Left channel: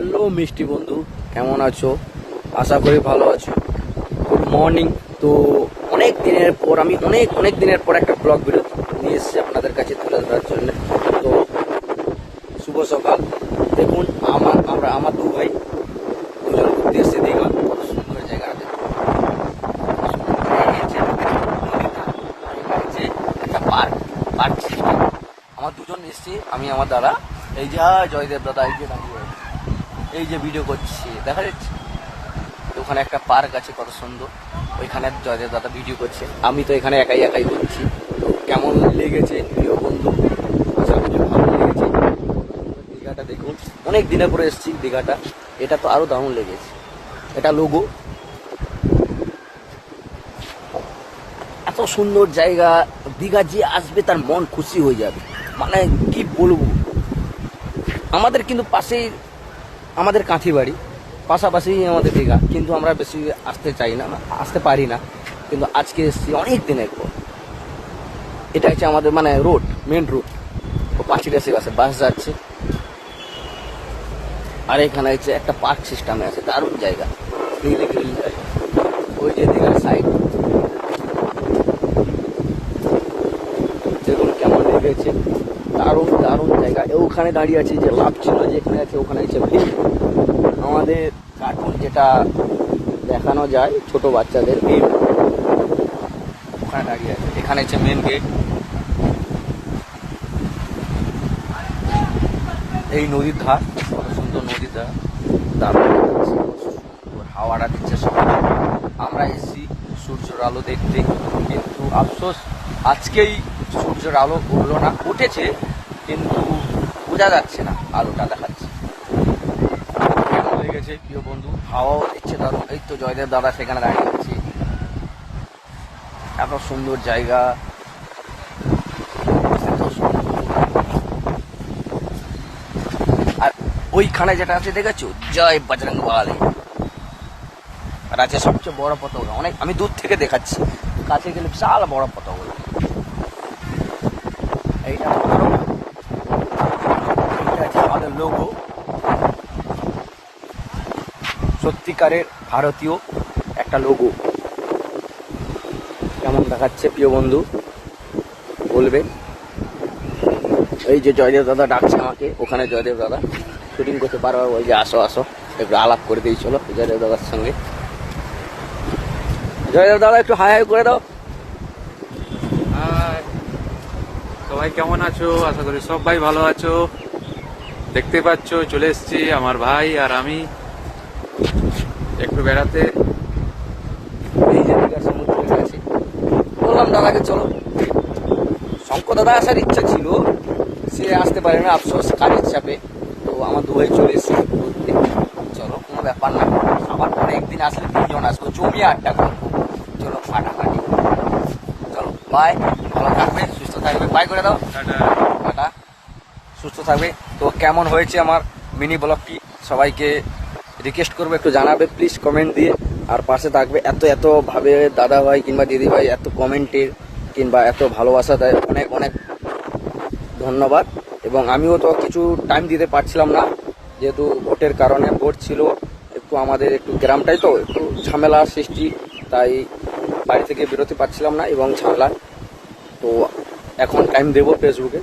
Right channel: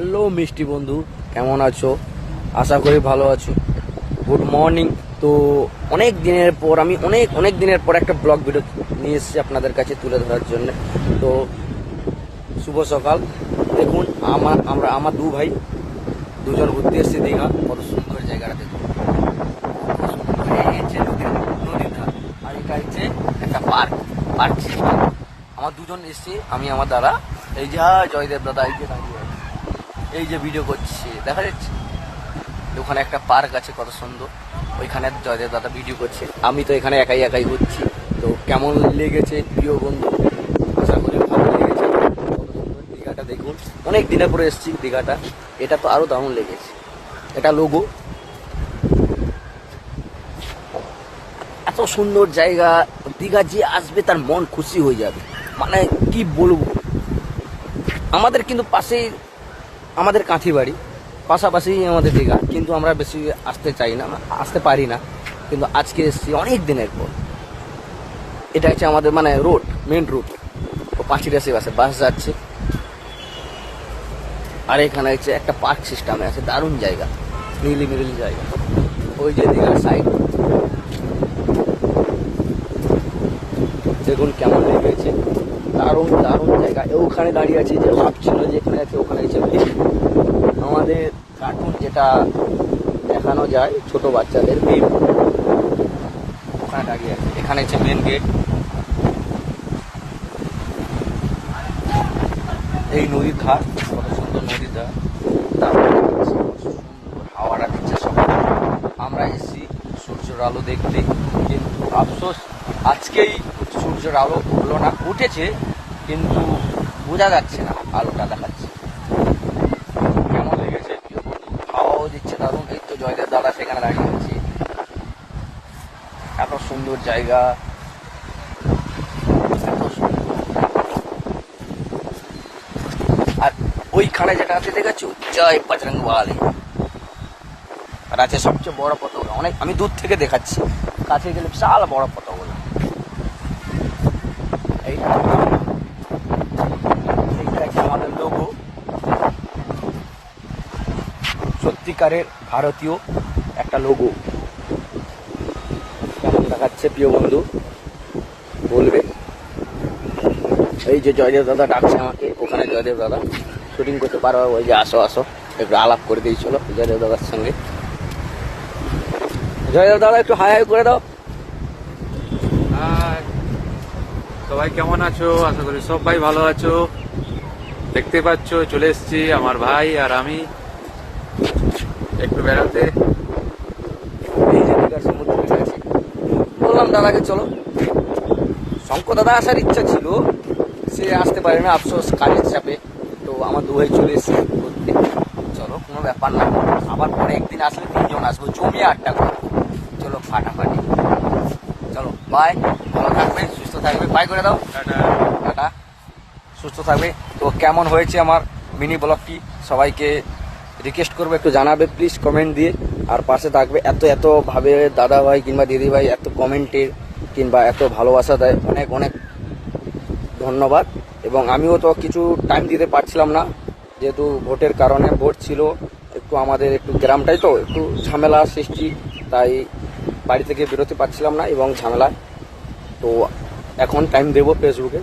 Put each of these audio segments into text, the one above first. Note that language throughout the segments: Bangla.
হ্যালো মিষ্টি বন্ধু, কেমন আছো? আশা করি ভালো আছো। Good morning. তো আমি অনেক দিনের পর একটা ব্লগ ভিডিও নিয়ে এসেছি আপনাদের কাছে তুলে ধরার জন্য। তো শুভ সকাল। দেখুন আমার দু ভাই দুজন ঘুরতে এসেছি দীঘা। কত সুন্দর জায়গাটা দেখুন। আর এখানে হচ্ছে একটা পার্ক সিস্টেম। আমার দুজন এসেছি, আমি আমার দাদা। এই যে জয়দেব দাদা এই যে দাঁড়িয়ে আছে, এই যে ভিডিও করছি দেখা যাচ্ছে। ওখানে একটা পার্ক আছে কত সুন্দর, ওইখানে জয়দেব দাদা ভিডিও করছে। আমি তো এখানে একাই করছি। তো কেমন লেগেছে প্রিয় বন্ধু? আশা করি ভালো লেগেছে। দীঘাটা দেখুন, অনেক দিনের পরে এসেছি দীঘাটা। এটা তো আরো দারুণ লেগেছে। এটা লোগো, এত সুন্দর জায়গা। দীঘা যে আসবে তার মন খুশি হয়ে যাবে, মানে কি বলবো। আমাদের কিন্তু পাশেই আমাদের কাঁথি বাড়ি, পাশাপাশি আমাদের দীঘা, কিন্তু আমরা বেশি আসতে চাই না, আসতে পারি না। কিন্তু আজকে এসেছি অনেক দিনের পর। এটা হচ্ছে আমাদের মানে রোড, মেন রোড। ও পাঁচিটা সে বাস যাচ্ছে। আর এখানে হচ্ছে একটা পার্ক সিস্টেমে আছে, দারুণ জায়গা, গ্রিল জায়গা। ওই যে দীঘার সাইড দেখুন কেমন লেগেছে। দারুণ জায়গা। ওখানে দাঁড়িয়ে আছে যে লাভ ছিল যেতে আছে, ওখানে হচ্ছে আমাদের এখন যেটা দেখানো যায় ছোট বাচ্চাদের, ওখানে দাঁড়িয়ে আছে। এখানে হচ্ছে মেন গেট। এই নদীর ঘাট, কত সুন্দর নদীটা, দারুণ হাওয়াটা দিচ্ছে সবাই। আমরা এসেছি সূর্যের আলো দেখতে, কিন্তু আফসোস আজকেই সূর্যের আলো উঠলো না। উঠেছে কিন্তু বোঝা যাচ্ছে না, আলোটা দেখাচ্ছে। কেমন লেগেছে প্রিয় বন্ধু? হাওয়াও দিচ্ছে দারুণ। এই তো জয়দেব দাদা সেখানে দাঁড়িয়ে আছি। এত সুন্দর জায়গা, এত সুন্দর। আর ওইখানে যেটা আছে দেখেছো, জয় বজরং বলী। আর আছে সবচেয়ে বড় পতাকা, অনেক আমি দূর থেকে দেখাচ্ছি, কাছে গেলে বিশাল বড় পতাকা। এইটা আছে আমাদের লোগো, সত্যিকারের ভারতীয় একটা লোগো। কেমন দেখাচ্ছে প্রিয় বন্ধু বলবে? এই যে জয়দেব দাদা ডাকছে আমাকে, ওখানে জয়দেব দাদা শুটিং করতে পারো, ওই যে আসো একটু আলাপ করে দিয়েছিল জয়দেব দাদার সঙ্গে। জয়দেব দাদা একটু হাই করে দাও। সবাই কেমন আছো? আশা করি সবাই ভালো আছো। দেখতে পাচ্ছ চলে এসেছি আমার ভাই আর আমি একটু বেড়াতে। এই যে দীঘার সমুদ্রের কাছে বললাম দাদাকে চলো। শঙ্কর দাদা আসার ইচ্ছা ছিল, সে আসতে পারে না, আফসোস কাজের চাপে। তো আমার দু ভাই চলে এসেছি ঘুরতে। চলো, কোনো ব্যাপার না, আবার পরে একদিন আসলে তিনজন আসবো, জমিয়ে আড্ডা করবো। চলো ফাটাফাটি, চলো বাই। ভালো থাকবে, সুস্থ থাকবে, বাই করে দাও, টাটা। সুস্থ থাকবে। তো কেমন হয়েছে আমার মিনি ব্লগটি সবাইকে রিকোয়েস্ট করবো একটু জানাবে প্লিজ কমেন্ট দিয়ে। আর পাশে থাকবে। এত ভাবে দাদা ভাই কিংবা দিদি ভাই এত কমেন্টের কিংবা এত ভালোবাসা দেয়, অনেক ধন্যবাদ। এবং আমিও তো কিছু টাইম দিতে পারছিলাম না, যেহেতু ভোটের কারণে, ভোট ছিল একটু আমাদের, একটু গ্রামটাই তো একটু ঝামেলা সৃষ্টি, তাই বাড়ি থেকে বেরোতে পারছিলাম না এবং ঝামেলা। তো এখন টাইম দেবো ফেসবুকে।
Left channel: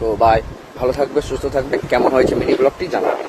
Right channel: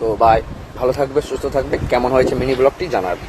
তো বাই, ভালো থাকবে, সুস্থ থাকবে। কেমন হয়েছে মিনি ব্লগটি জানাবে।